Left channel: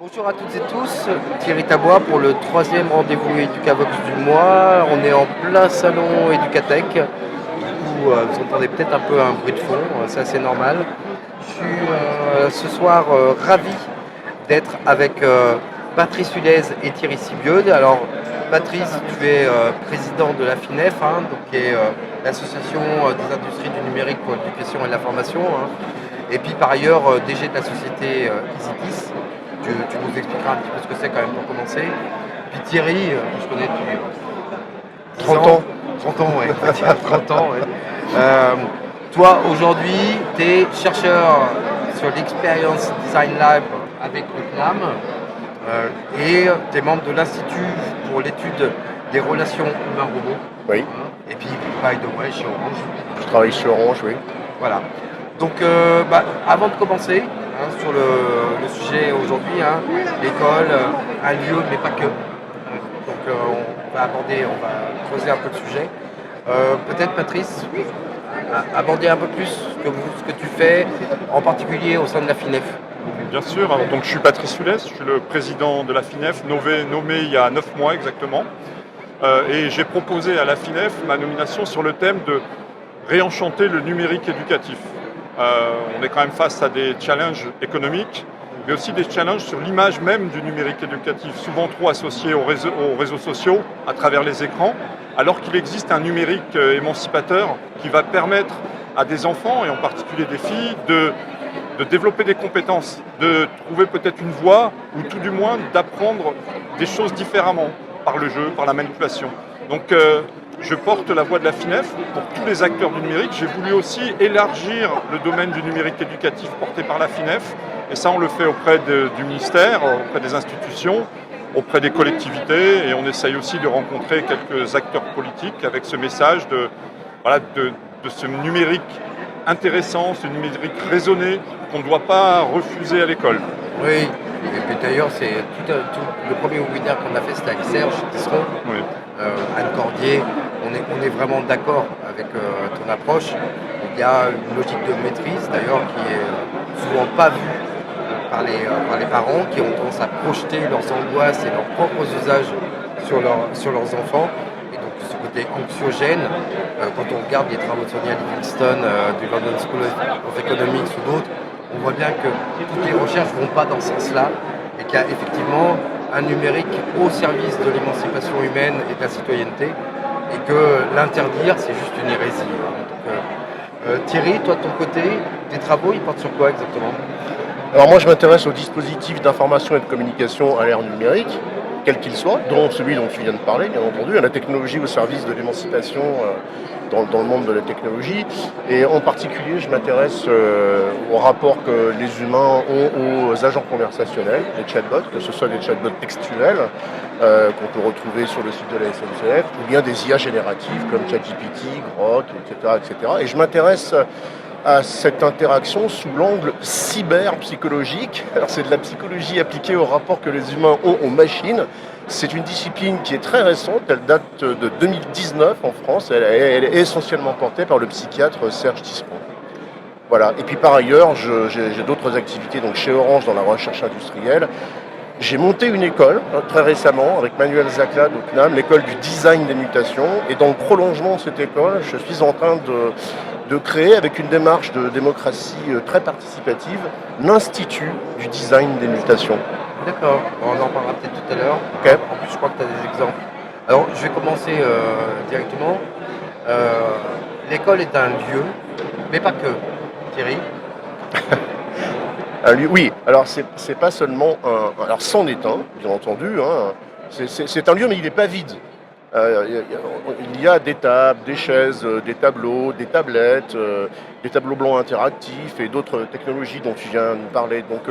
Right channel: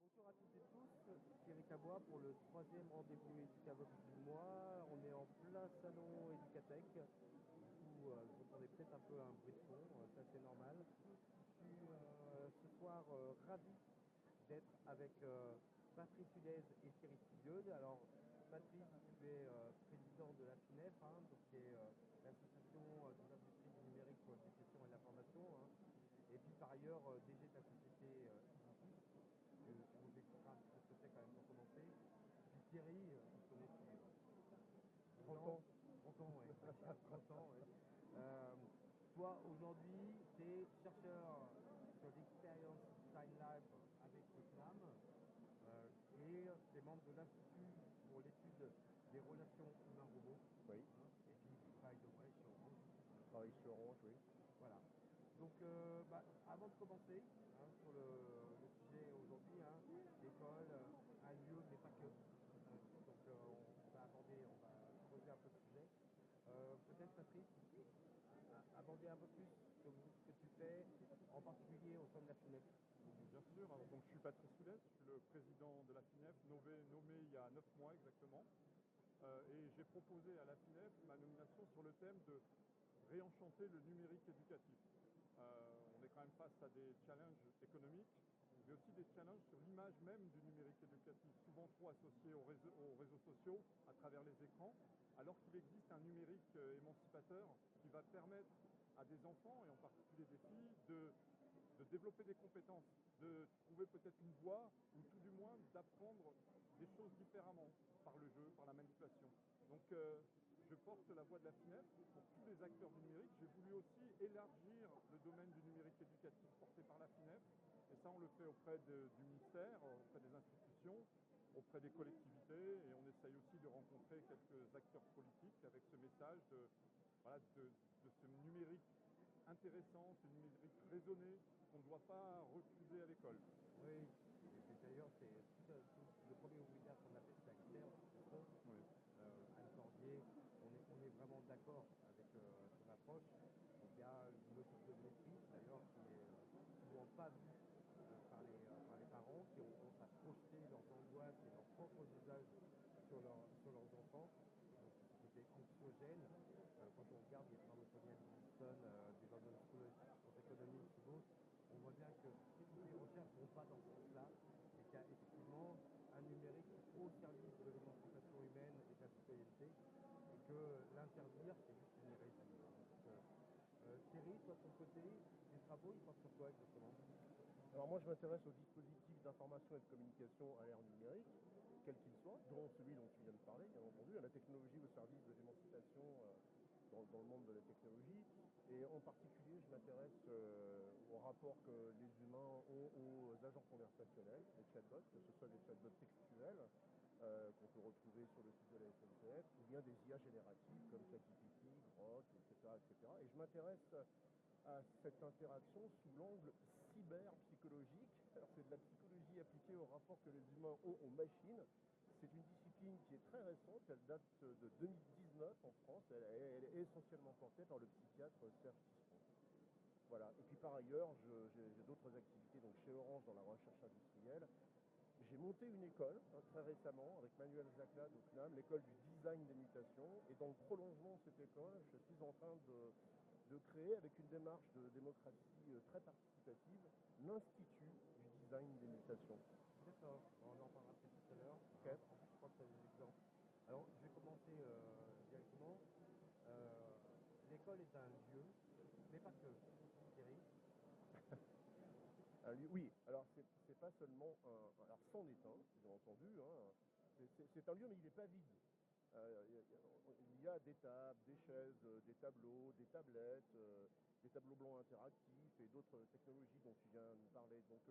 Bonjour à toutes et tous, Thierry Tabois pour le troisième rendez-vous Educavox du mois. On est en plein salon Educatech, où vous entendez peut-être un peu un bruit de fond, c'est assez normal. Je suis ce soir ravi d'être avec Patrice Hulez et Thierry Sibieux. Alors Patrice, tu es président de la FINEF, donc, qui est l'association des industries du numérique pour l'éducation et la formation, et puis par ailleurs DG de la société EasyKiss. Tu nous expliqueras un petit peu ce que c'est quand même pour commencer. Puis Thierry, que je connais depuis 30 ans. 30 ans, ouais. 30 ans, ouais. Toi, aujourd'hui, tu es chercheur sur l'Experience Design Lab avec le CNAM et tu es membre de l'Institut pour l'étude des relations humains-robots. Oui, Et puis, by the way, chez Orange. je travaille chez Orange, oui. Voilà. Donc, avant de commencer sur le sujet aujourd'hui, l'école, un lieu, mais pas que. Donc, on va creuser un peu le sujet. Peut-être, Patrice, aborder un peu plus ce que tu fais, en particulier au sein de la FINEF. Bien sûr, alors, donc je suis Patrice Hulez, je suis le président de la FINEF, nommé il y a 9 mois exactement. Et j'ai proposé à la FINEF ma nomination sur le thème de réenchanter le numérique éducatif. On est quand même face à des challenges économiques, mais aussi des challenges sur l'image même du numérique éducatif, souvent trop associé aux réseaux sociaux à travers les écrans, alors qu'il existe un numérique émancipateur qui va permettre à des enfants, et en particulier des filles, de développer des compétences, de trouver peut-être une voie, ou tout du moins d'apprendre des choses différemment, par le jeu, par la manipulation. Donc je porte la voix de la FINEF pour tous les acteurs du numérique. J'ai voulu aussi élargir le domaine du numérique éducatif porté par la FINEF, et ça on le fait auprès du ministère, auprès des institutions, auprès des collectivités, et on essaye aussi de rencontrer quelques acteurs politiques avec ce message de ce numérique intéressant, ce numérique raisonné qu'on ne doit pas refuser à l'école. Oui, et puis d'ailleurs, c'est le premier webinaire qu'on a fait, c'était avec Serge Tisseron, Oui. Anne Cordier. On est vraiment d'accord avec ton approche. Il y a une logique de maîtrise, d'ailleurs, qui est souvent pas vue par les parents, qui ont tendance à projeter leurs angoisses et leurs propres usages sur leurs enfants. Et donc ce côté anxiogène, quand on regarde les travaux de Sonia Livingstone du London School of Economics ou d'autres, on voit bien que toutes les recherches ne vont pas dans ce sens-là et qu'il y a effectivement un numérique au service de l'émancipation humaine et de la citoyenneté et que l'interdire, c'est juste une hérésie. Donc, Thierry, toi de ton côté, tes travaux, ils portent sur quoi exactement? Alors moi, je m'intéresse aux dispositifs d'information et de communication à l'ère numérique, quel qu'il soit, dont celui dont tu viens de parler, bien entendu, à la technologie au service de l'émancipation dans le monde de la technologie. Et en particulier, je m'intéresse au rapport que les humains ont aux agents conversationnels, les chatbots, que ce soit des chatbots textuels qu'on peut retrouver sur le site de la SNCF, ou bien des IA génératives comme ChatGPT, Grok, etc., etc. Et je m'intéresse à cette interaction sous l'angle cyberpsychologique. Alors c'est de la psychologie appliquée au rapport que les humains ont aux machines. C'est une discipline qui est très récente, elle date de 2019 en France, elle est essentiellement portée par le psychiatre Serge Tisseron. Voilà. Et puis par ailleurs, j'ai d'autres activités donc chez Orange dans la recherche industrielle. J'ai monté une école très récemment avec Manuel Zaclade au CNAM, l'école du design des mutations. Et dans le prolongement de cette école, je suis en train de créer, avec une démarche de démocratie très participative, l'Institut du design des mutations. D'accord, on en parlera peut-être tout à l'heure. Ok. En plus, je crois que tu as des exemples. Alors, je vais commencer directement. L'école est un lieu, mais pas que. Thierry? Oui, alors c'est pas seulement un. Alors c'en est un, bien entendu. C'est un lieu, mais il n'est pas vide. Il y a des tables, des chaises, des tableaux, des tablettes, des tableaux blancs interactifs et d'autres technologies dont tu viens de nous parler. Donc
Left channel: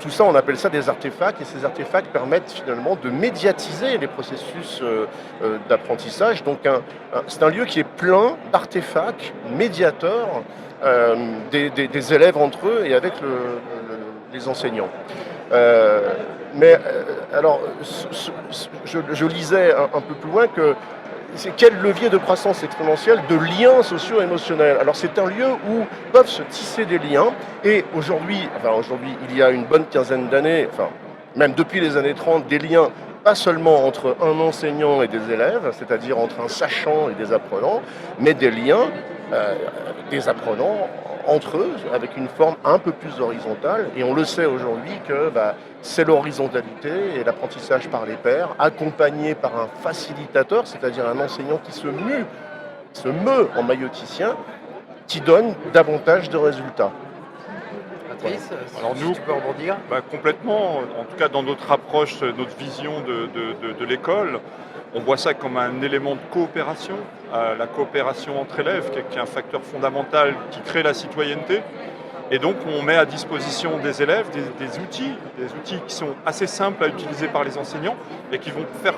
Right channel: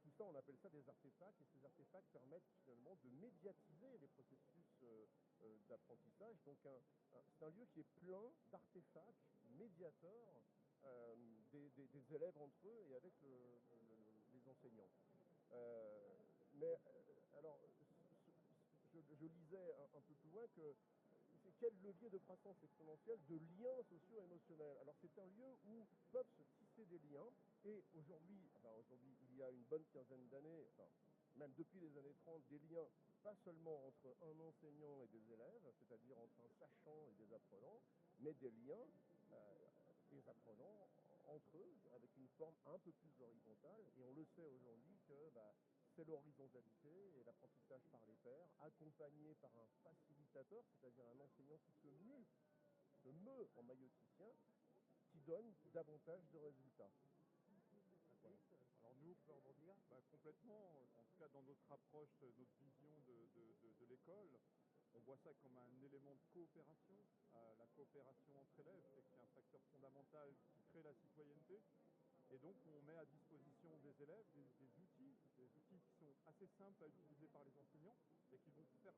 tout ça, on appelle ça des artefacts, et ces artefacts permettent finalement de médiatiser les processus d'apprentissage. Donc c'est un lieu qui est plein d'artefacts médiateurs des élèves entre eux et avec les enseignants. Alors, je lisais un peu plus loin que c'est quel levier de croissance exponentielle de liens socio-émotionnels. Alors c'est un lieu où peuvent se tisser des liens, et aujourd'hui, il y a une bonne quinzaine d'années, même depuis les années 30, des liens pas seulement entre un enseignant et des élèves, c'est-à-dire entre un sachant et des apprenants, mais des liens des apprenants entre eux, avec une forme un peu plus horizontale. Et on le sait aujourd'hui que c'est l'horizontalité et l'apprentissage par les pairs, accompagné par un facilitateur, c'est-à-dire un enseignant qui se meut en mailloticien, qui donne davantage de résultats. Patrice, Alors si nous- tu peux rebondir. Complètement, en tout cas dans notre approche, notre vision de l'école, on voit ça comme un élément de coopération, la coopération entre élèves qui est un facteur fondamental qui crée la citoyenneté. Et donc on met à disposition des élèves des outils qui sont assez simples à utiliser par les enseignants et qui vont faire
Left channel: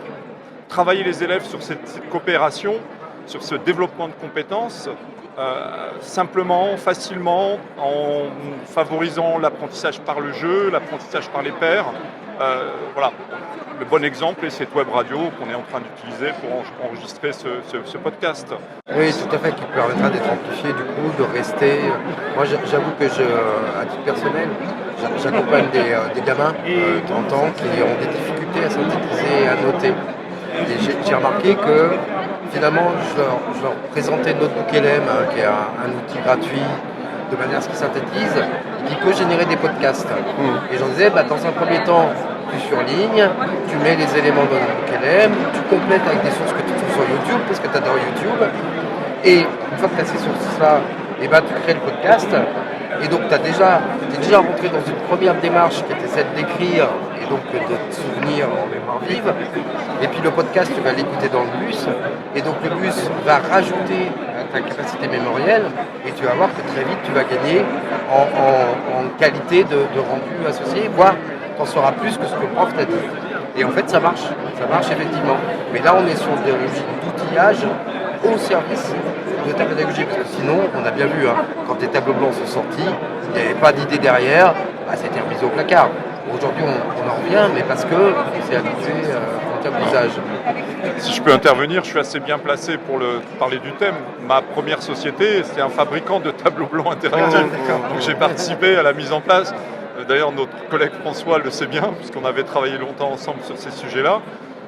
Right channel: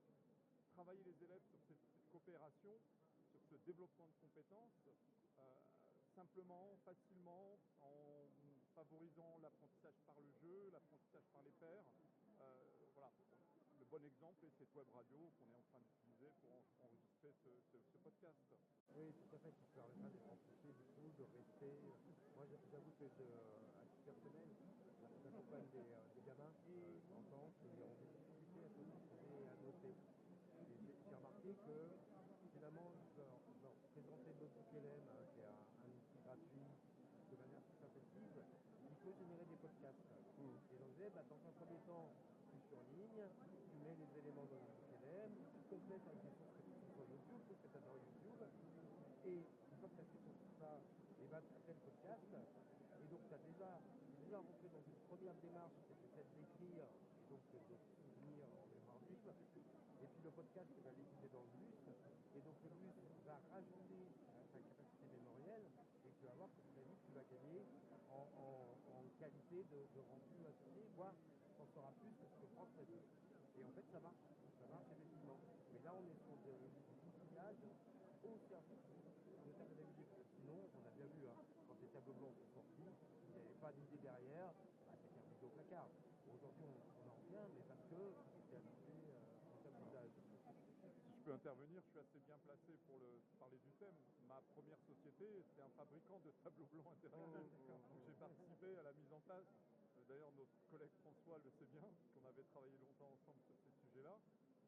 travailler les élèves sur cette coopération, sur ce développement de compétences, simplement, facilement, en favorisant l'apprentissage par le jeu, l'apprentissage par les pairs. Voilà. Le bon exemple est cette web radio qu'on est en train d'utiliser pour enregistrer ce podcast. Oui, tout à fait, qui permettra d'être amplifié, du coup, de rester. Moi, j'avoue que à titre personnel, j'accompagne des gamins de 30 ans qui ont des difficultés à synthétiser et à noter. Et j'ai remarqué que finalement, je leur présentais Notebook LM, qui est un outil gratuit, de manière à ce qu'il synthétise, qui peut générer des podcasts. Et j'en disais, dans un premier temps, tu surlignes, tu mets les éléments dans Notebook LM, tu complètes avec des sources que tu trouves sur YouTube, parce que tu adores YouTube. Et une fois que tu as ces sources-là, tu crées le podcast. Et donc, tu es déjà rentré dans une première démarche qui était celle d'écrire et donc de te souvenir en mémoire vive. Et puis le podcast, tu vas l'écouter dans le bus. Et donc le bus va rajouter à ta capacité mémorielle. Et tu vas voir que très vite, tu vas gagner en qualité de rendu associé, voire tu en sauras plus que ce que le prof t'a dit. Et en fait, ça marche effectivement. Mais là, on est sur des logiques d'outillage au service de ta pédagogie, parce que sinon, on a bien vu, quand les tableaux blancs sont sortis, il n'y avait pas d'idée derrière, c'était remis au placard. Aujourd'hui, on en revient, mais parce qu'on s'est habitué en termes d'usage. Si je peux intervenir, je suis assez bien placé pour parler du thème. Ma première société, c'est un fabricant de tableaux blancs interactifs. Donc j'ai participé à la mise en place. D'ailleurs, notre collègue François le sait bien, puisqu'on avait travaillé longtemps ensemble sur ces sujets-là.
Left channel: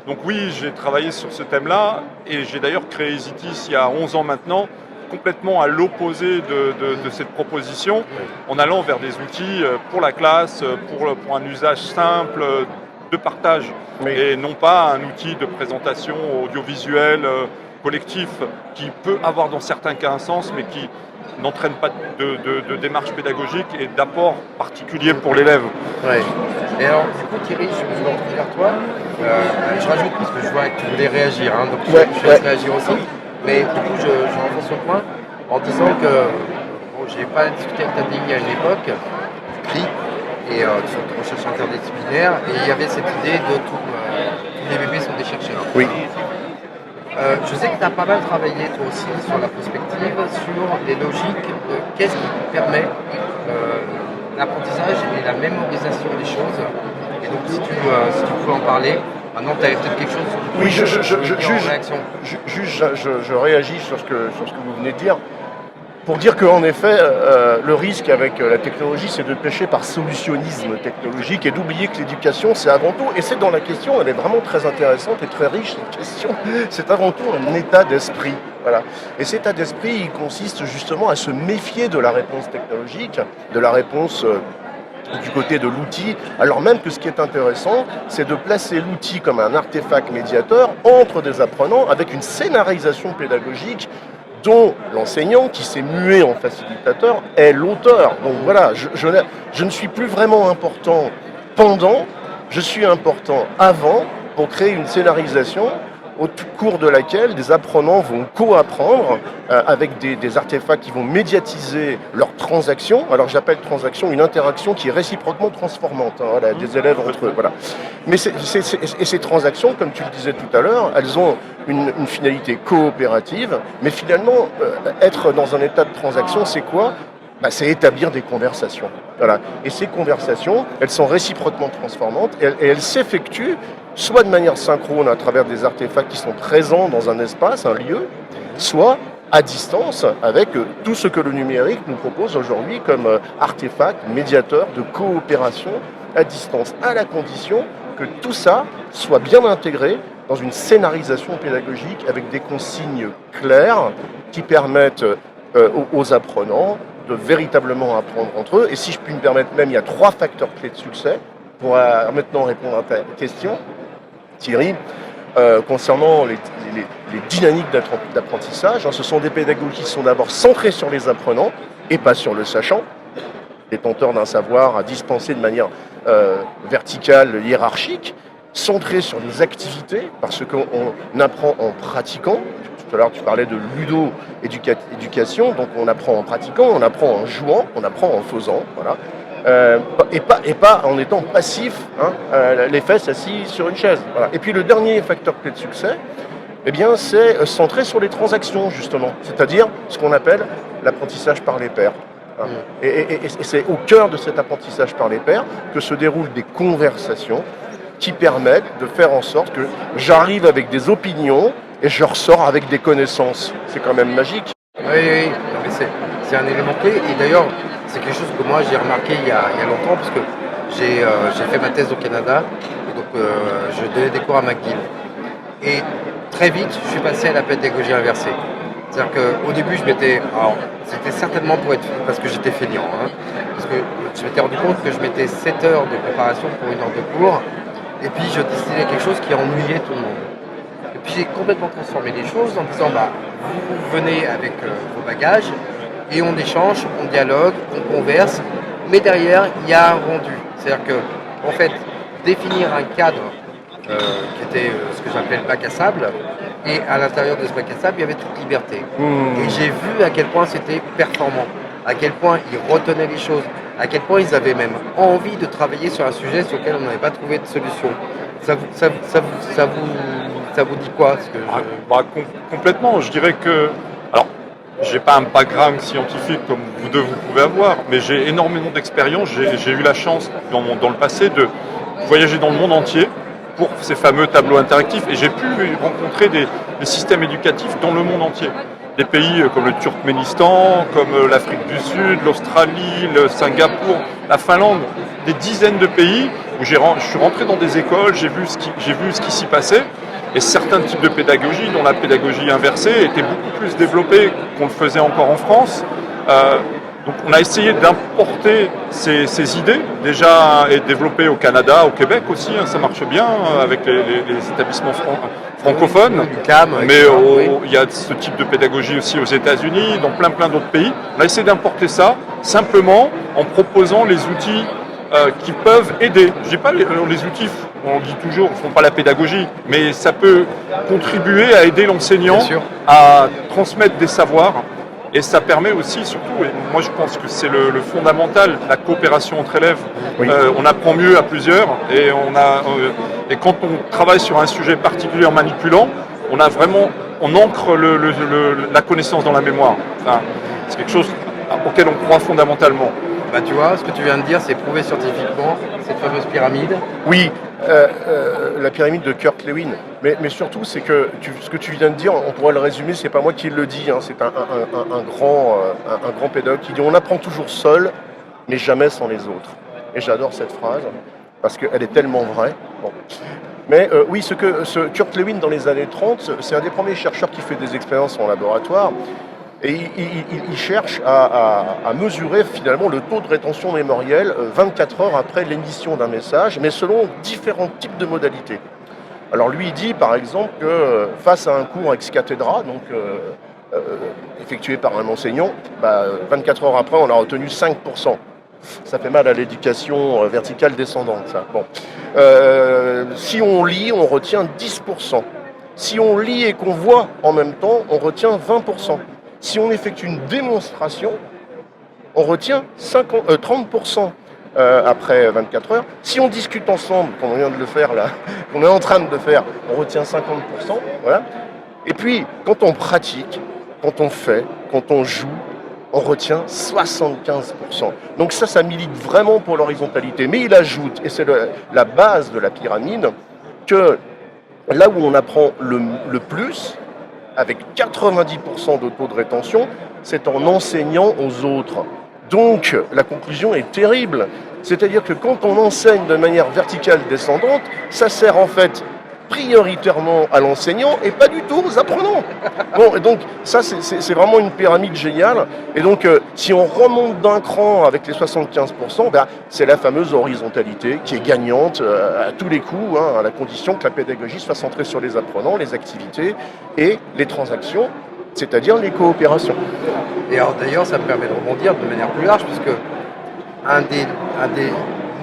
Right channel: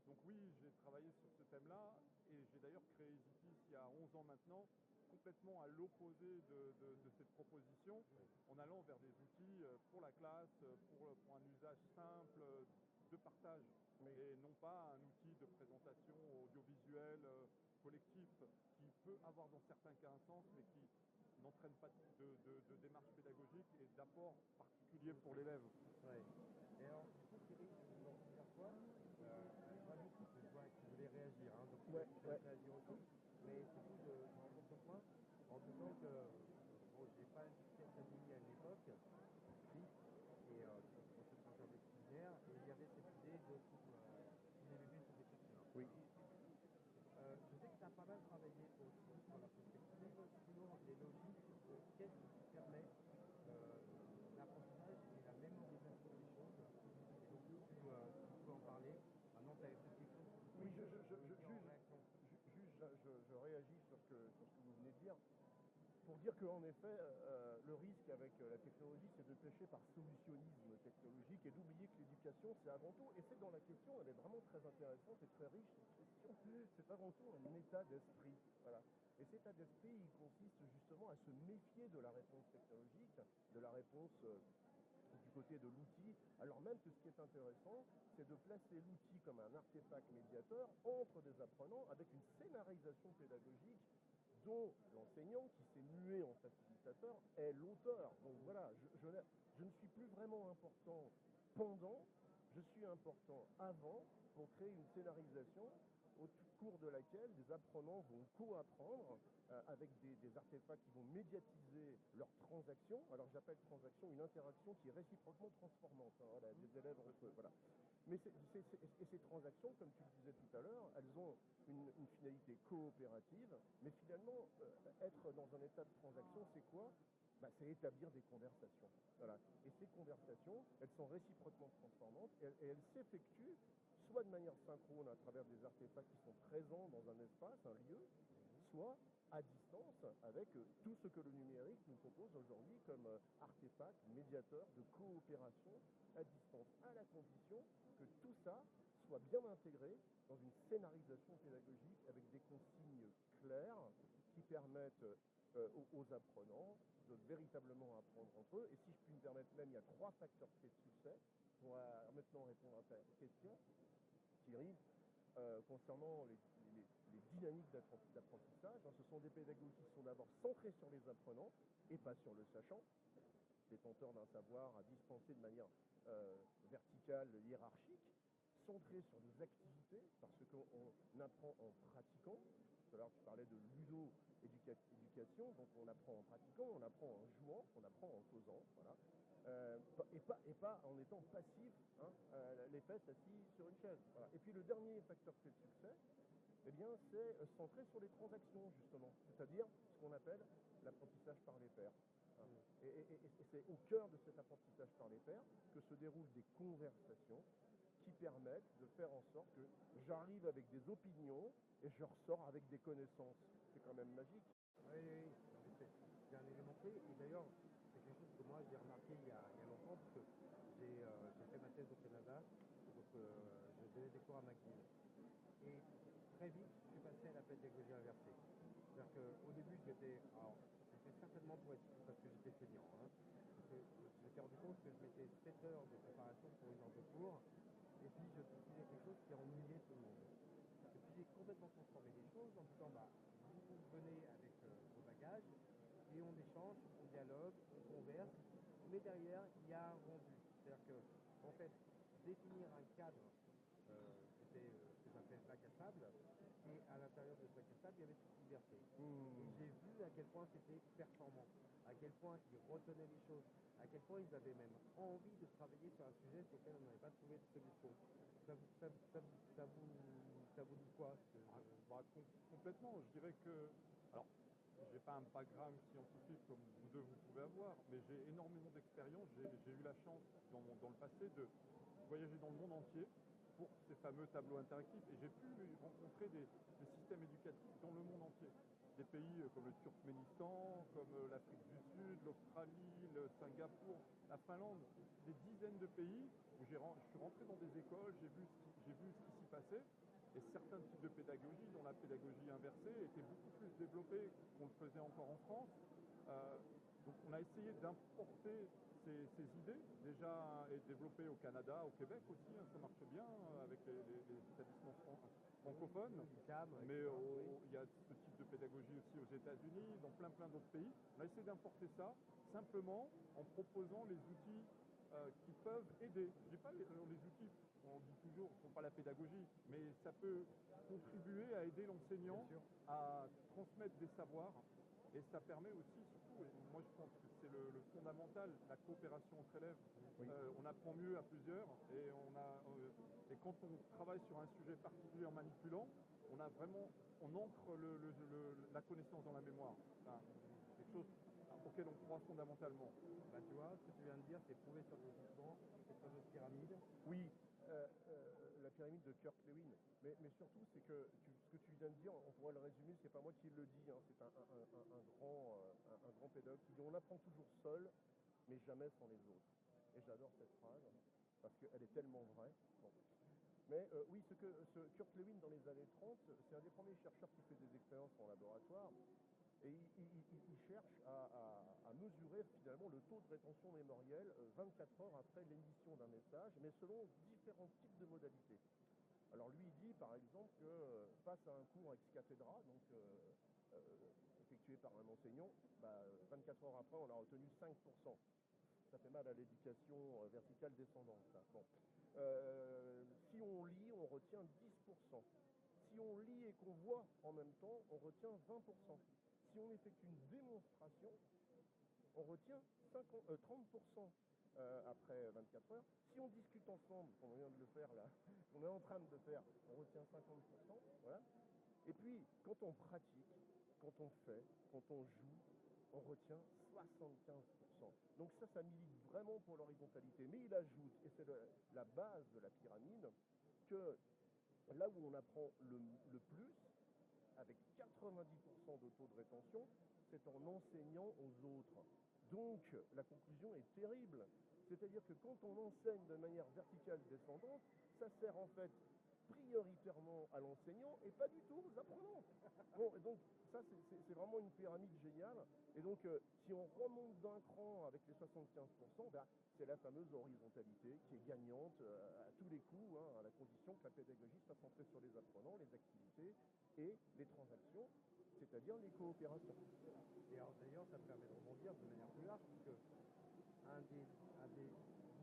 Donc oui, j'ai travaillé sur ce thème-là, et j'ai d'ailleurs créé EasyTeach il y a 11 ans maintenant, complètement à l'opposé de cette proposition, en allant vers des outils pour la classe, pour un usage simple, de partage, et non pas un outil de présentation audiovisuelle collectif qui peut avoir dans certains cas un sens, mais qui n'entraîne pas de démarche pédagogique et d'apport particulier pour l'élève. Ouais. Et alors, du coup, Thierry, je vais retourner vers toi. Je rajoute, parce que je vois que tu voulais réagir, donc je vais réagir aussi. Mais du coup, je renforce le point en disant que j'ai pas discuté avec ta DI à une époque, du CRI, et sur la recherche interdisciplinaire, et il y avait cette idée de tous les bébés sont des chercheurs. Oui. Je sais que tu as pas mal travaillé toi aussi sur la prospective, sur les logiques de qu'est-ce qui permet l'apprentissage et la mémorisation des choses. Et donc si tu pouvais en parler, maintenant tu avais peut-être quelque chose Oui, je réagis sur ce que vous venez de dire. Pour dire qu'en effet, le risque avec la technologie, c'est de pêcher par solutionnisme technologique et d'oublier que l'éducation, c'est avant tout, et c'est dans la question, elle est vraiment très intéressante et très riche, cette question, c'est avant tout un état d'esprit. Voilà. Et cet état d'esprit, il consiste justement à se méfier de la réponse technologique, de la réponse du côté de l'outil, alors même que ce qui est intéressant, c'est de placer l'outil comme un artefact médiateur entre des apprenants avec une scénarisation pédagogique dont l'enseignant, qui s'est mué en facilitateur, est l'auteur. Donc voilà, je ne suis plus vraiment important pendant, je suis important avant pour créer une scénarisation au cours de laquelle des apprenants vont co-apprendre avec des artefacts qui vont médiatiser leurs transactions. Alors j'appelle transaction une interaction qui est réciproquement transformante, voilà, des élèves entre eux. Voilà. Mais ces transactions, comme tu le disais tout à l'heure, elles ont une finalité coopérative, mais finalement, être dans un état de transaction, c'est quoi ? C'est établir des conversations. Voilà. Et ces conversations, elles sont réciproquement transformantes et elles s'effectuent soit de manière synchrone à travers des artefacts qui sont présents dans un espace, un lieu, soit à distance avec tout ce que le numérique nous propose aujourd'hui comme artefacts, médiateurs de coopération à distance, à la condition que tout ça soit bien intégré dans une scénarisation pédagogique avec des consignes claires qui permettent aux apprenants de véritablement apprendre entre eux. Et si je puis me permettre même, il y a 3 facteurs clés de succès pour maintenant répondre à ta question, Thierry. Concernant les dynamiques d'apprentissage, ce sont des pédagogies qui sont d'abord centrées sur les apprenants et pas sur le sachant, détenteur d'un savoir à dispenser de manière verticale, hiérarchique, centrées sur les activités, parce qu'on apprend en pratiquant. Tout à l'heure, tu parlais de ludo-éducation, donc on apprend en pratiquant, on apprend en jouant, on apprend en faisant, voilà. Et pas en étant passif, les fesses assis sur une chaise. Voilà. Et puis le dernier facteur clé de succès, eh bien, c'est centré sur les transactions, justement, c'est-à-dire ce qu'on appelle l'apprentissage par les pairs. Et c'est au cœur de cet apprentissage par les pairs que se déroulent des conversations qui permettent de faire en sorte que j'arrive avec des opinions et je ressors avec des connaissances. C'est quand même magique. Oui, non, mais c'est un élément clé. Et d'ailleurs, c'est quelque chose que moi j'ai remarqué il y a longtemps, parce que j'ai fait ma thèse au Canada, et donc je donnais des cours à McGill. Et très vite, je suis passé à la pédagogie inversée. C'est-à-dire qu'au début, c'était certainement parce que j'étais feignant, parce que je m'étais rendu compte que je mettais 7 heures de préparation pour 1 heure de cours, et puis je destinais quelque chose qui ennuyait tout le monde. Et puis j'ai complètement transformé les choses en disant, vous venez avec vos bagages, et on échange, on dialogue, on converse, mais derrière, il y a un rendu. C'est-à-dire que, en fait, définir un cadre qui était ce que j'appelle bac à sable, et à l'intérieur de ce bac à sable, il y avait toute liberté. Et j'ai vu à quel point c'était performant, à quel point ils retenaient les choses, à quel point ils avaient même envie de travailler sur un sujet sur lequel on n'avait pas trouvé de solution. Ça vous dit quoi Complètement, je dirais que... Alors, j'ai pas un background scientifique comme vous deux vous pouvez avoir, mais j'ai énormément d'expérience. J'ai eu la chance dans le passé de voyager dans le monde entier pour ces fameux tableaux interactifs, et j'ai pu rencontrer des systèmes éducatifs dans le monde entier. Des pays comme le Turkménistan, comme l'Afrique du Sud, l'Australie, le Singapour, la Finlande, des dizaines de pays où je suis rentré dans des écoles, j'ai vu ce qui s'y passait. Et certains types de pédagogie, dont la pédagogie inversée, étaient beaucoup plus développés qu'on le faisait encore en France. Donc on a essayé d'importer ces idées, déjà et développées au Canada, au Québec aussi, ça marche bien avec les établissements francophones. Mais il y a ce type de pédagogie aussi aux États-Unis, dans plein d'autres pays. On a essayé d'importer ça simplement en proposant les outils qui peuvent aider. Je dis pas les outils, on dit toujours, ne font pas la pédagogie, mais ça peut contribuer à aider l'enseignant à transmettre des savoirs. Et ça permet aussi, surtout, et moi je pense que c'est le fondamental, la coopération entre élèves. Oui. On apprend mieux à plusieurs, et quand on travaille sur un sujet particulier en manipulant, on ancre la connaissance dans la mémoire. Enfin, c'est quelque chose auquel on croit fondamentalement. Tu vois, ce que tu viens de dire, c'est prouvé scientifiquement, cette fameuse pyramide. Oui, la pyramide de Kurt-Lewin. Mais surtout, c'est que ce que tu viens de dire, on pourrait le résumer, c'est pas moi qui le dis, c'est un grand pédagogue qui dit « On apprend toujours seul, mais jamais sans les autres ». Et j'adore cette phrase, parce qu'elle est tellement vraie. Bon. Mais oui, ce Kurt-Lewin, dans les années 30, c'est un des premiers chercheurs qui fait des expériences en laboratoire. Et il cherche à mesurer finalement le taux de rétention mémorielle 24 heures après l'émission d'un message, mais selon différents types de modalités. Alors lui, il dit par exemple que face à un cours ex cathedra, donc effectué par un enseignant, 24 heures après, on a retenu 5%. Ça fait mal à l'éducation verticale descendante, ça. Bon. Si on lit, on retient 10%. Si on lit et qu'on voit en même temps, on retient 20%. Si on effectue une démonstration, on retient 30% après 24 heures. Si on discute ensemble, comme on vient de le faire là, qu'on est en train de le faire, on retient 50%. Voilà. Et puis, quand on pratique, quand on fait, quand on joue, on retient 75%. Donc ça milite vraiment pour l'horizontalité. Mais il ajoute, et c'est la base de la pyramide, que là où on apprend le plus, avec 90% de taux de rétention, c'est en enseignant aux autres. Donc la conclusion est terrible. C'est-à-dire que quand on enseigne de manière verticale descendante, ça sert en fait prioritairement à l'enseignant et pas du tout aux apprenants. Bon, et donc ça c'est vraiment une pyramide géniale. Et donc si on remonte d'un cran avec les 75%, ben, c'est la fameuse horizontalité qui est gagnante à tous les coups, à la condition que la pédagogie soit centrée sur les apprenants, les activités et les transactions, c'est-à-dire les coopérations. Et alors d'ailleurs, ça me permet de rebondir de manière plus large, puisque un des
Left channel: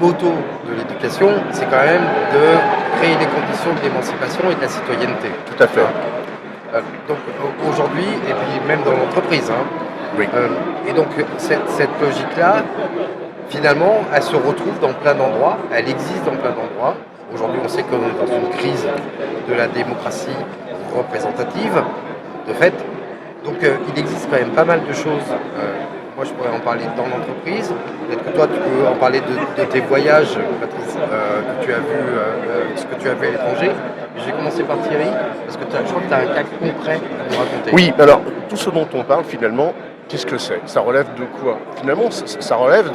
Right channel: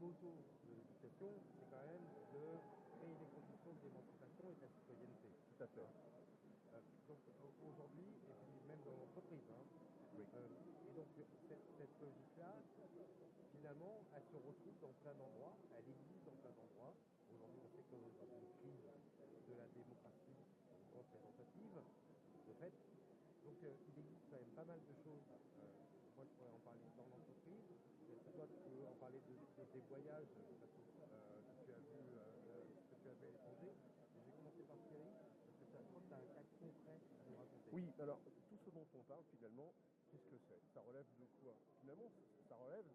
motos de l'éducation, c'est quand même de créer les conditions de l'émancipation et de la citoyenneté. Tout à fait. Donc aujourd'hui, et puis même dans l'entreprise, Oui. et donc cette logique-là, finalement, elle se retrouve dans plein d'endroits, elle existe dans plein d'endroits. Aujourd'hui, on sait qu'on est dans une crise de la démocratie représentative, de fait. Donc il existe quand même pas mal de choses. Moi, je pourrais en parler dans l'entreprise. Peut-être que toi, tu peux en parler de tes voyages, Patrice, que tu as vu, ce que tu as vu à l'étranger. Je vais commencer par Thierry, parce que je crois que tu as un cas concret à nous raconter. Oui, alors tout ce dont on parle finalement, qu'est-ce que c'est? Ça relève de quoi? Finalement, ça relève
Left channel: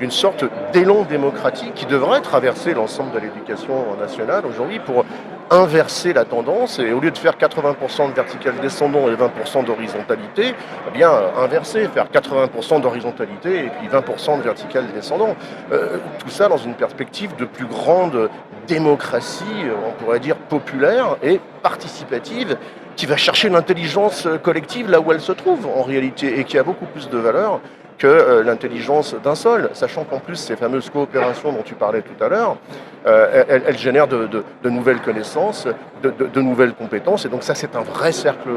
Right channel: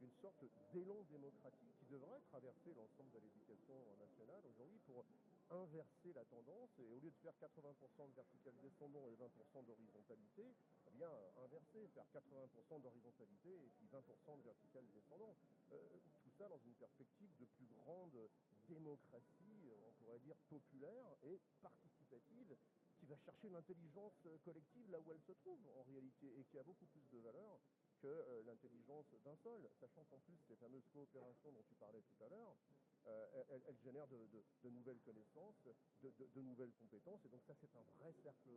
d'une sorte d'élan démocratique qui devrait traverser l'ensemble de l'éducation nationale aujourd'hui pour inverser la tendance et au lieu de faire 80% de vertical descendant et 20% d'horizontalité, eh bien inverser, faire 80% d'horizontalité et puis 20% de vertical descendant. Tout ça dans une perspective de plus grande démocratie, on pourrait dire populaire et participative, qui va chercher l'intelligence collective là où elle se trouve en réalité et qui a beaucoup plus de valeur que l'intelligence d'un seul, sachant qu'en plus ces fameuses coopérations dont tu parlais tout à l'heure, elles génèrent de nouvelles connaissances, de nouvelles compétences, et donc ça c'est un vrai cercle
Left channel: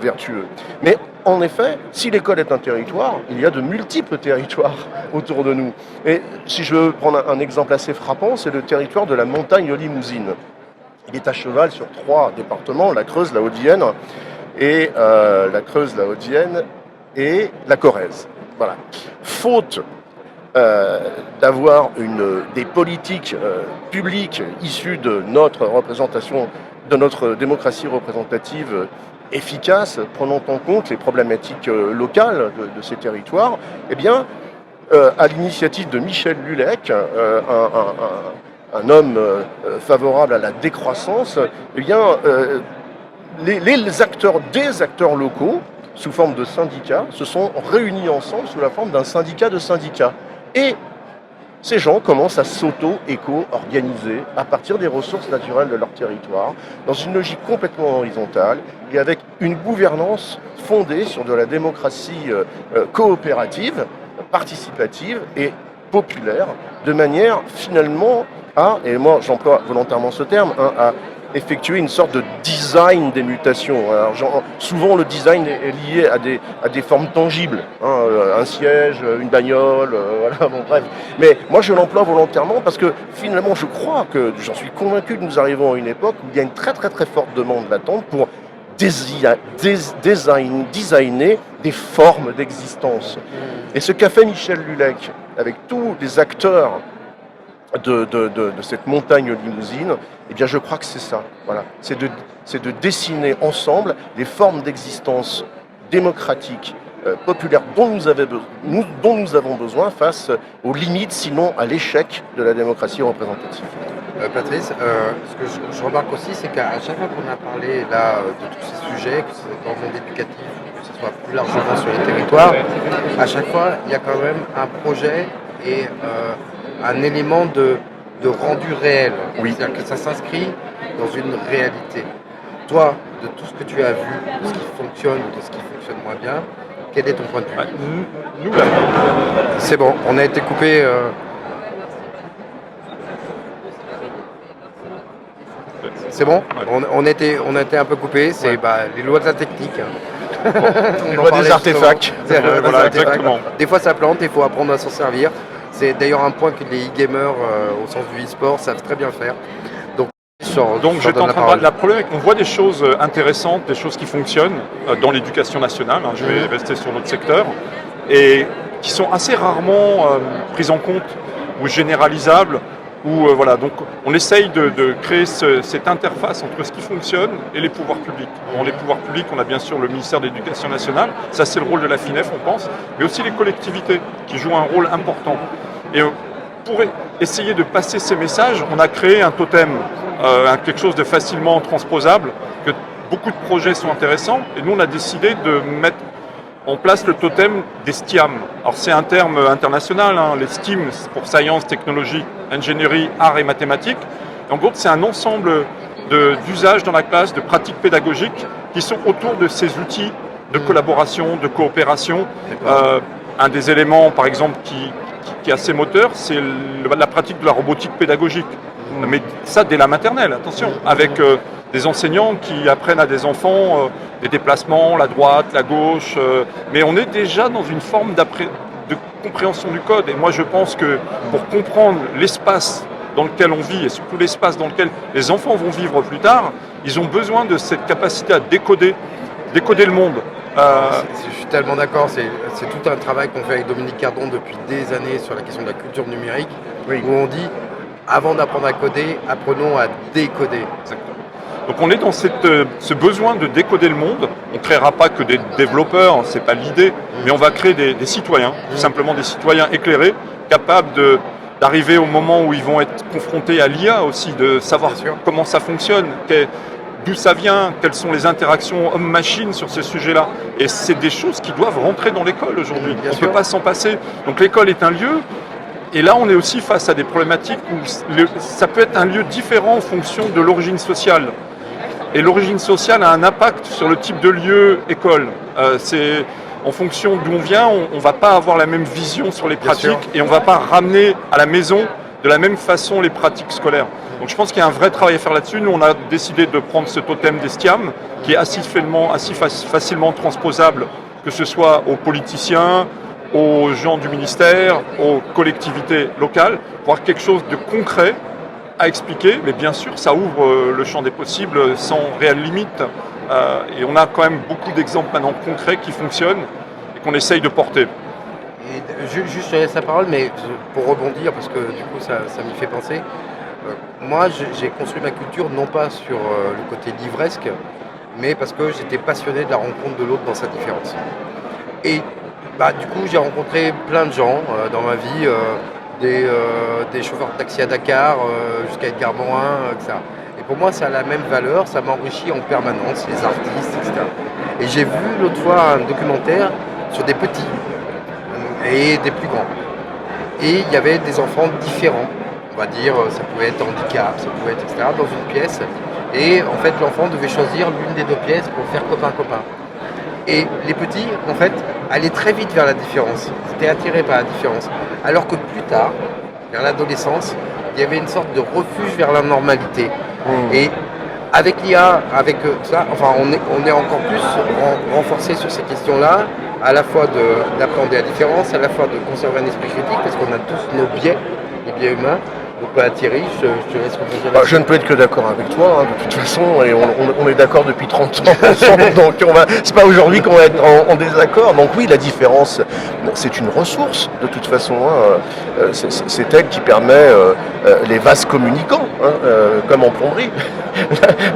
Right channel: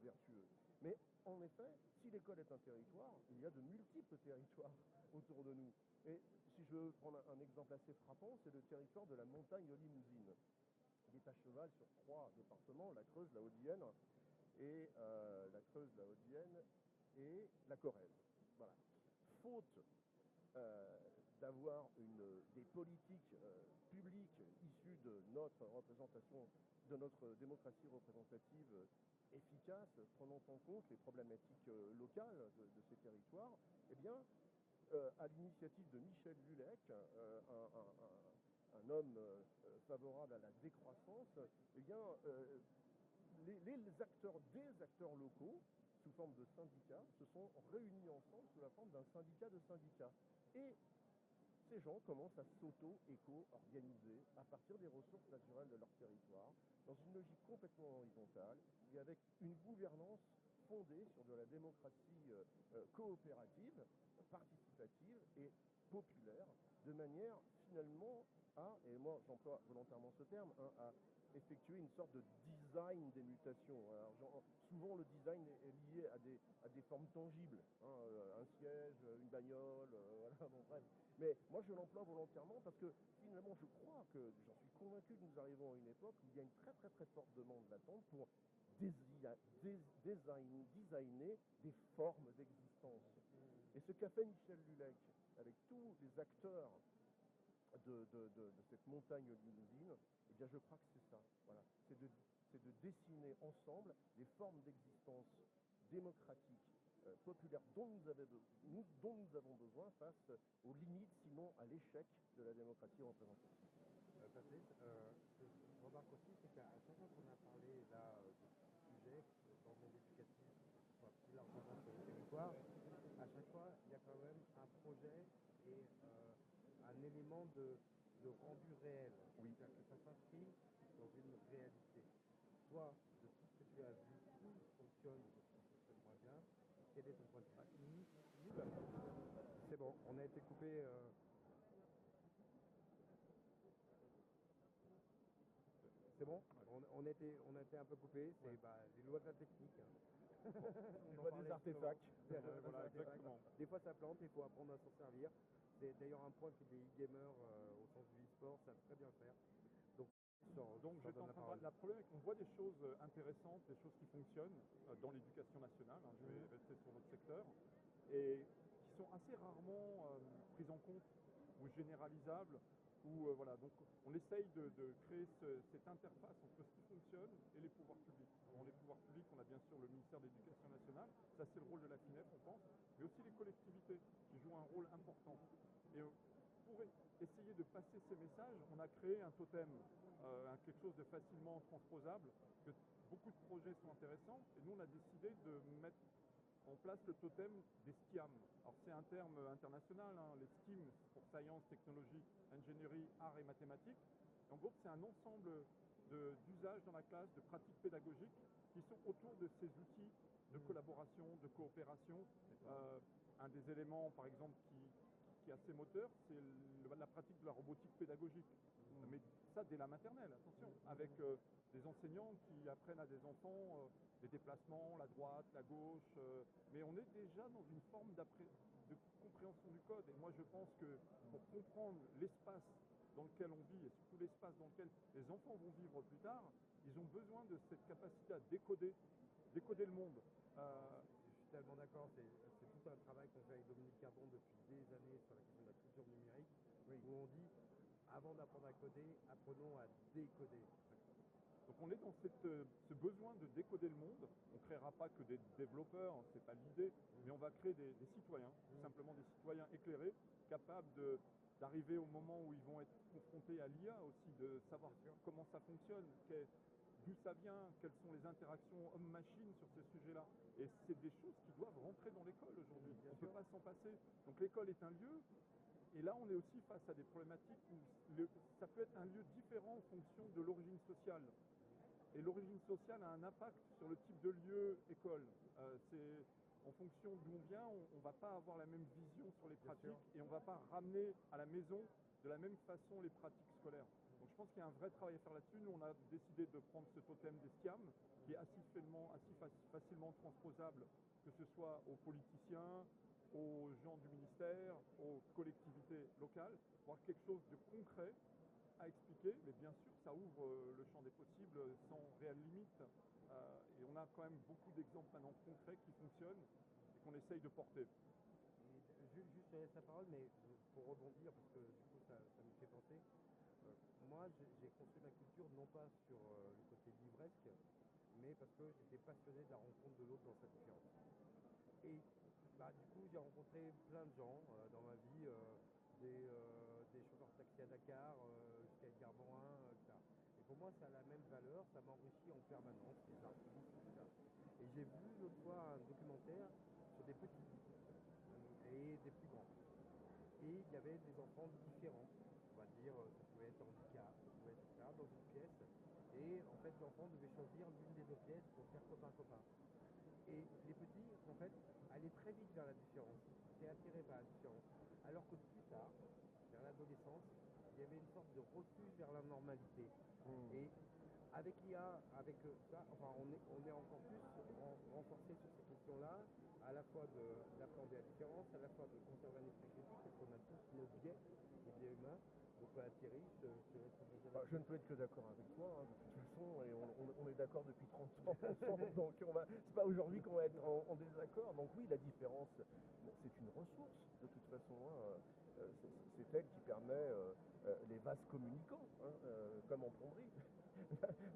vertueux. Mais en effet, si l'école est un territoire, il y a de multiples territoires autour de nous. Et si je veux prendre un exemple assez frappant, c'est le territoire de la montagne Limousine. Il est à cheval sur 3 départements, la Creuse, la Haute-Vienne et la Corrèze. Voilà. Faute d'avoir des politiques publiques issues de notre représentation, de notre démocratie représentative efficace, prenant en compte les problématiques locales de ces territoires, eh bien, à l'initiative de Michel Lulec, un homme favorable à la décroissance, eh bien, des acteurs locaux, sous forme de syndicats, se sont réunis ensemble sous la forme d'un syndicat de syndicats. Et ces gens commencent à s'auto-éco-organiser à partir des ressources naturelles de leur territoire, dans une logique complètement horizontale et avec une gouvernance fondée sur de la démocratie coopérative, participative et populaire, de manière finalement à, et moi j'emploie volontairement ce terme, à effectuer une sorte de design des mutations. Alors, souvent le design est lié à des formes tangibles, un siège, une bagnole, voilà, bon, bref. Mais moi je l'emploie volontairement parce que finalement je crois que, j'en suis convaincu que nous arrivons à une époque où il y a une très très très forte demande latente pour designer des formes d'existence. Et ce qu'a fait Michel Lulec avec tous les acteurs de cette montagne Limousine, eh bien je crois que c'est ça. Voilà. C'est de dessiner ensemble les formes d'existence démocratique, populaire dont nous avons besoin face aux limites, sinon à l'échec de la démocratie représentative. Patrice, ce que je remarque aussi, c'est qu'à chaque fois qu'on a parlé là, de tous ces sujets, que ce soit dans le monde éducatif, que ce soit plus largement sur les territoires, à chaque fois, il y a quand même un projet et un élément de rendu réel. Oui. C'est-à-dire que ça s'inscrit dans une réalité. Toi, de tout ce que tu as vu, de ce qui fonctionne ou de ce qui fonctionne moins bien, quel est ton point de vue? Nous, là, C'est bon, on a été coupé. C'est bon, on a été un peu coupé, c'est les lois de la technique. Les lois des artefacts. voilà, exactement. Des fois ça plante, il faut apprendre à s'en servir. C'est d'ailleurs un point que les e-gamers, au sens du e-sport, savent très bien faire. Donc j'étais en train de parler. La problématique, on voit des choses intéressantes, des choses qui fonctionnent dans l'éducation nationale, je vais rester sur notre secteur, et qui sont assez rarement prises en compte ou généralisables, Voilà, donc on essaye de créer cette interface entre ce qui fonctionne et les pouvoirs publics. Bon, les pouvoirs publics, on a bien sûr le ministère de l'Éducation nationale, ça c'est le rôle de la FINEF, on pense, mais aussi les collectivités qui jouent un rôle important. Et pour essayer de passer ces messages, on a créé un totem, quelque chose de facilement transposable, que beaucoup de projets sont intéressants, et nous on a décidé de mettre en place le totem des STIAM. Alors c'est un terme international, hein, les STEAM pour science, technologie, ingénierie, arts et mathématiques. Et en gros, c'est un ensemble d'usages dans la classe, de pratiques pédagogiques qui sont autour de ces outils de collaboration, de coopération. Un des éléments, par exemple, qui est assez moteur, c'est la pratique de la robotique pédagogique. Mais ça dès la maternelle, attention, avec des enseignants qui apprennent à des enfants des déplacements, la droite, la gauche, mais on est déjà dans une forme de compréhension du code. Et moi je pense que pour comprendre l'espace dans lequel on vit, et surtout l'espace dans lequel les enfants vont vivre plus tard, ils ont besoin de cette capacité à décoder le monde. Je suis tellement d'accord, c'est tout un travail qu'on fait avec Dominique Cardon depuis des années sur la question de la culture numérique, où on dit, avant d'apprendre à coder, apprenons à décoder. Exactement. Donc on est dans ce besoin de décoder le monde. On ne créera pas que des développeurs, ce n'est pas l'idée, mais on va créer des citoyens, tout simplement des citoyens éclairés, capables d'arriver au moment où ils vont être confrontés à l'IA aussi, de savoir comment ça fonctionne, d'où ça vient, quelles sont les interactions homme-machine sur ces sujets-là. Et c'est des choses qui doivent rentrer dans l'école aujourd'hui. On ne peut pas s'en passer. Donc l'école est un lieu. Et là, on est aussi face à des problématiques où ça peut être un lieu différent en fonction de l'origine sociale. Et l'origine sociale a un impact sur le type de lieu école. C'est en fonction d'où on vient, on ne va pas avoir la même vision sur les pratiques et on ne va pas ramener à la maison de la même façon les pratiques scolaires. Donc je pense qu'il y a un vrai travail à faire là-dessus. Nous, on a décidé de prendre ce totem des STIAM qui est assez facilement transposable, que ce soit aux politiciens, aux gens du ministère, aux collectivités locales, pour avoir quelque chose de concret à expliquer, mais bien sûr, ça ouvre le champ des possibles sans réelle limite. Et on a quand même beaucoup d'exemples maintenant concrets qui fonctionnent et qu'on essaye de porter. Et juste, je laisse la parole, mais pour rebondir, parce que du coup, ça m'y fait penser. Moi, j'ai construit ma culture non pas sur le côté livresque, mais parce que j'étais passionné de la rencontre de l'autre dans sa différence. Et du coup, j'ai rencontré plein de gens dans ma vie. Des chauffeurs de taxi à Dakar jusqu'à Edgar Morin, etc. Et pour moi, ça a la même valeur, ça m'enrichit en permanence, les artistes, etc. Et j'ai vu l'autre fois un documentaire sur des petits et des plus grands. Et il y avait des enfants différents, on va dire, ça pouvait être handicap, ça pouvait être, etc., dans une pièce. Et en fait, l'enfant devait choisir l'une des deux pièces pour faire copain-copain. Et les petits, en fait, allaient très vite vers la différence. Ils étaient attirés par la différence. Alors que plus tard, vers l'adolescence, il y avait une sorte de refuge vers la normalité. Et avec l'IA, avec ça, enfin, on est encore plus renforcé sur ces questions-là, à la fois d'appréhender la différence, à la fois de conserver un esprit critique, parce qu'on a tous nos biais, les biais humains. Donc Thierry, je te laisse rebondir. Je ne peux être que d'accord avec toi, de toute façon, et on est d'accord depuis 30 ans ensemble, donc c'est pas aujourd'hui qu'on va être en désaccord. Donc oui, la différence, c'est une ressource, de toute façon. C'est elle qui permet les vases communicants, comme en plomberie.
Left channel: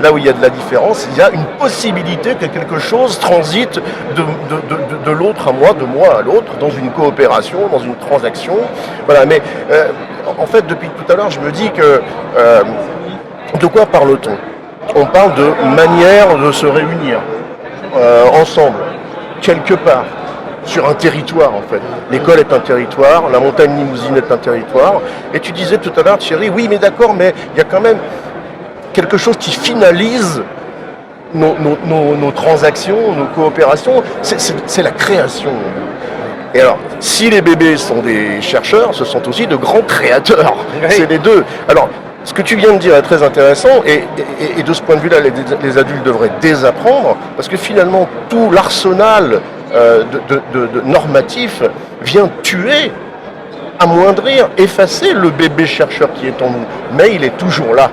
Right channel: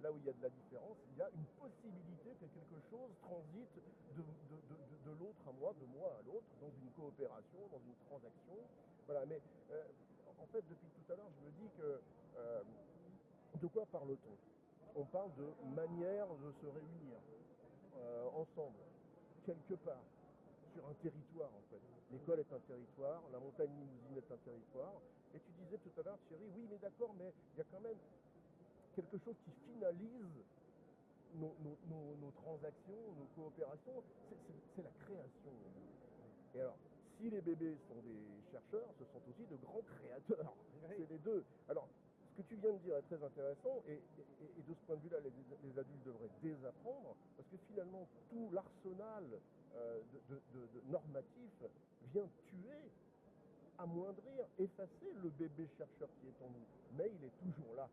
Là où il y a de la différence, il y a une possibilité que quelque chose transite de l'autre à moi, de moi à l'autre, dans une coopération, dans une transaction. Voilà, mais en fait, depuis tout à l'heure, je me dis que de quoi parle-t-on ? On parle de manière de se réunir ensemble, quelque part, sur un territoire en fait. L'école est un territoire, la montagne limousine est un territoire. Et tu disais tout à l'heure, Thierry, oui mais d'accord, mais il y a quand même quelque chose qui finalise nos transactions, nos coopérations, c'est la création. Et alors, si les bébés sont des chercheurs, ce sont aussi de grands créateurs. Oui. C'est les deux. Alors, ce que tu viens de dire est très intéressant, et de ce point de vue-là, les adultes devraient désapprendre, parce que finalement, tout l'arsenal de normatif vient tuer, amoindrir, effacer le bébé chercheur qui est en nous. Mais il est toujours là.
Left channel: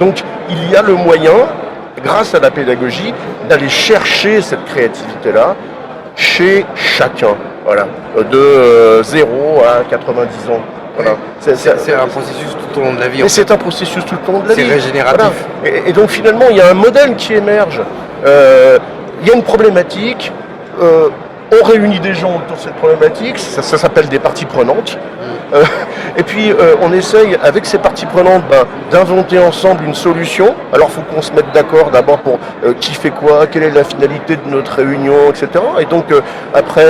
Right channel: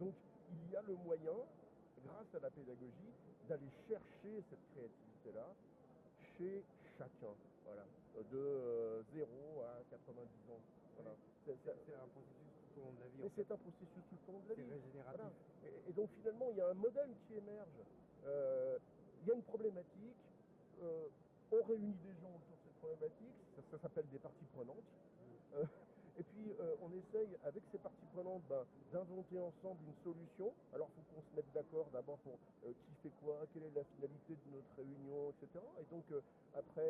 Donc, il y a le moyen, grâce à la pédagogie, d'aller chercher cette créativité-là chez chacun. Voilà, de 0 à 90 ans. Voilà. C'est un processus tout tout au long de la vie. Mais c'est un processus tout le long de la vie. C'est régénératif. Voilà. Et donc finalement, il y a un modèle qui émerge. Il y a une problématique. On réunit des gens autour de cette problématique. Ça s'appelle des parties prenantes. Et puis on essaye avec ces parties prenantes d'inventer ensemble une solution. Alors il faut qu'on se mette d'accord d'abord pour qui fait quoi, quelle est la finalité de notre réunion, etc. Et donc après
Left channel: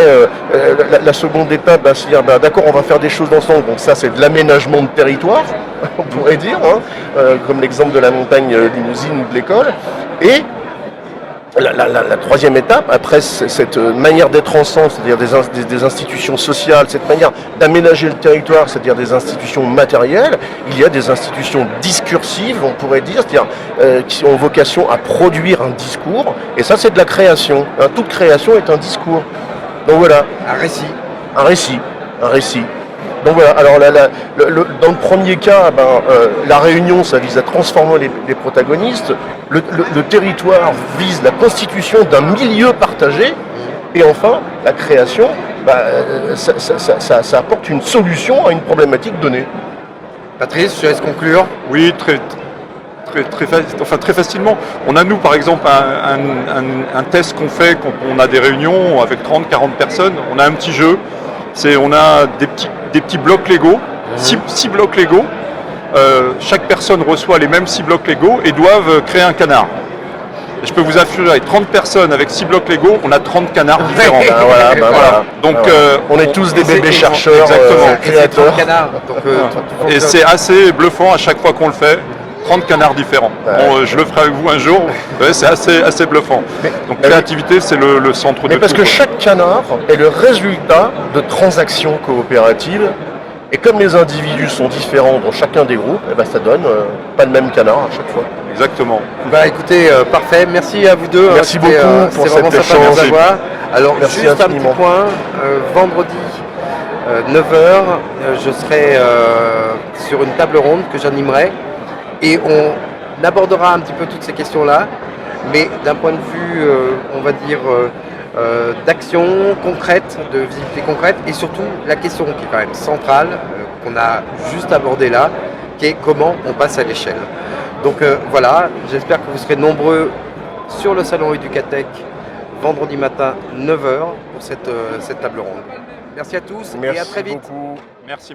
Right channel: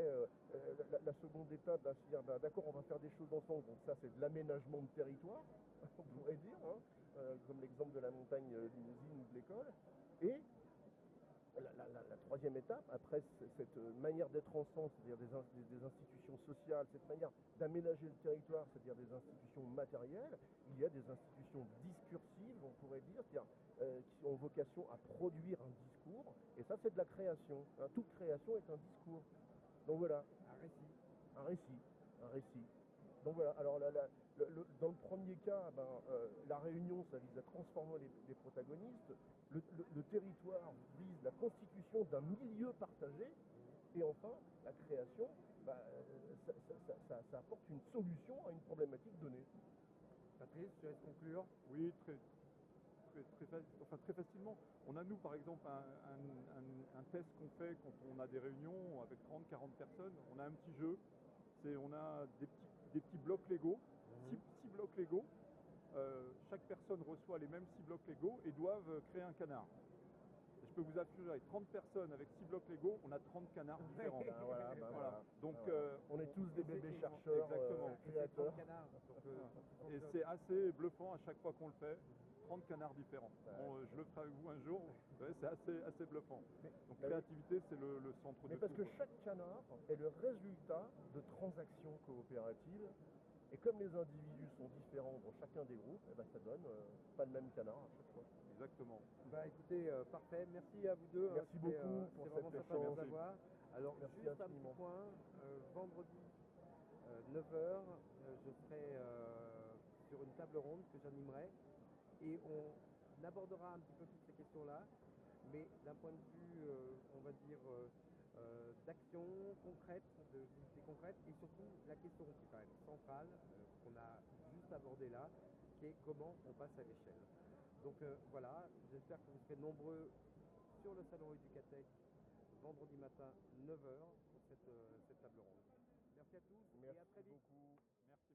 la seconde étape, c'est dire d'accord, on va faire des choses ensemble. Donc ça c'est de l'aménagement de territoire, on pourrait dire, comme l'exemple de la montagne limousine ou de l'école. Et la troisième étape, après cette manière d'être ensemble, c'est-à-dire des institutions sociales, cette manière d'aménager le territoire, c'est-à-dire des institutions matérielles, il y a des institutions discursives, on pourrait dire, c'est-à-dire qui ont vocation à produire un discours, et ça c'est de la création. Toute création est un discours. Donc voilà. Un récit. Un récit. Donc voilà, alors dans le premier cas, la réunion, ça vise à transformer les protagonistes. Le territoire vise la constitution d'un milieu partagé. Et enfin, la création, ça apporte une solution à une problématique donnée. Patrice, je te laisse conclure. Oui, très facilement. On a, nous, par exemple, un test qu'on fait quand on a des réunions avec 30-40 personnes. On a un petit jeu. On a des petits blocs Lego, 6 blocs Lego. Chaque personne reçoit les mêmes 6 blocs Lego et doivent créer un canard. Et je peux vous assurer, 30 personnes avec 6 blocs Lego, on a 30 canards différents. Voilà. Donc, on est tous des bébés chercheurs, exactement. Créateurs. Et c'est assez bluffant à chaque fois qu'on le fait. 30 canards différents. Bon, je le ferai avec vous un jour. Ouais, c'est assez bluffant. Donc créativité, c'est le centre de tout. Mais parce que chaque canard est le résultat de transactions coopératives. Et comme les individus sont différents dans chacun des groupes, ça donne pas le même canard à chaque fois. Exactement. Écoutez, parfait. Merci à vous deux. Merci beaucoup pour c'est vraiment cet sympa de vous échange. avoir. Alors, Merci juste infiniment. un petit point. Vendredi, 9h, je serai sur une table ronde que j'animerai. Et on abordera un petit peu toutes ces questions-là, mais d'un point de vue, on va dire, d'action concrète, de visibilité concrète, et surtout la question qui est quand même centrale, qu'on a juste abordée là, qui est comment on passe à l'échelle. Donc voilà, j'espère que vous serez nombreux sur le salon Educatech vendredi matin 9h pour cette table ronde. Merci à tous et à très vite. Beaucoup. Merci.